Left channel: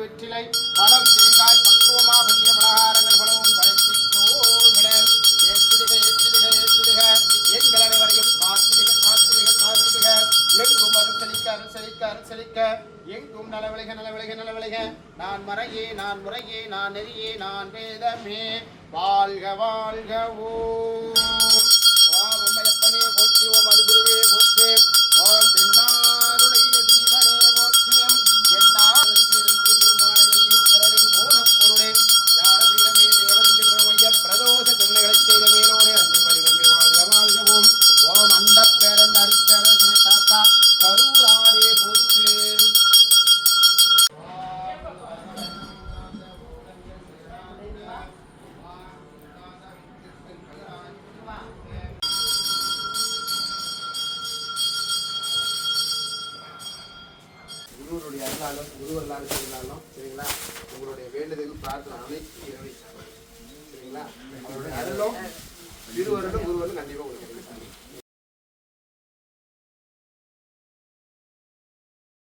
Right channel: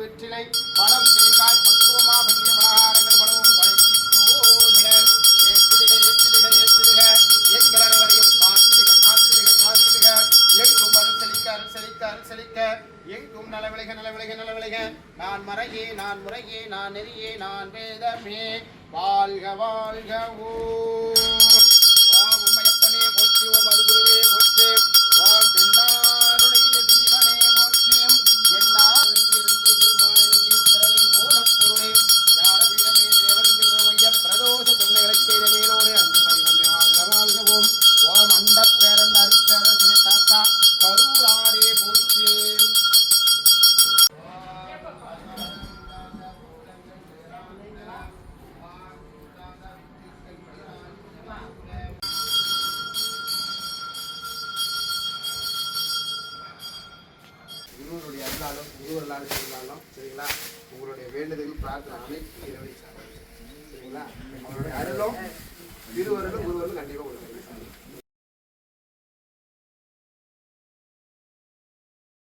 வெற்றிலை பழம் தேங்காய் பக்குவமா பள்ளிய பலகாரங்கள் பலவும் பழத்திடுக எங்கள் அனைவரையும் காத்திடுக எங்கும் அருசலிக்க எங்கும் நலவிளைக நான் மறையே நான் முறையே நான் நெறியே நான் வேதமே வாழ்க ஓம் உம்மையப்பனே போற்றி ஓம் அருகுருவே போற்றி ஓம் பெண்ணாருடைய ஜீவனே போற்றி என்னா பிரதோஷ தொன்மைகளை செய்த மேலோடு அன்னி வடிவம் ஓம் அண்ட பேரண்ட அரிப்பேர தாத்தா கரூராரே போற்று. குருவருடைய அருளாலும் குருவருளாலும் செய்தாலும் சரிங்களா, உங்களுடைய வேண்டுதல் பிரார்த்தனை அனைத்து நிறைவேற்றாங்க சரிங்களா. அவருடைய அருளும் திருவருளும் குருவருளும் கண்டிப்பாக கொடுக்குறீங்க.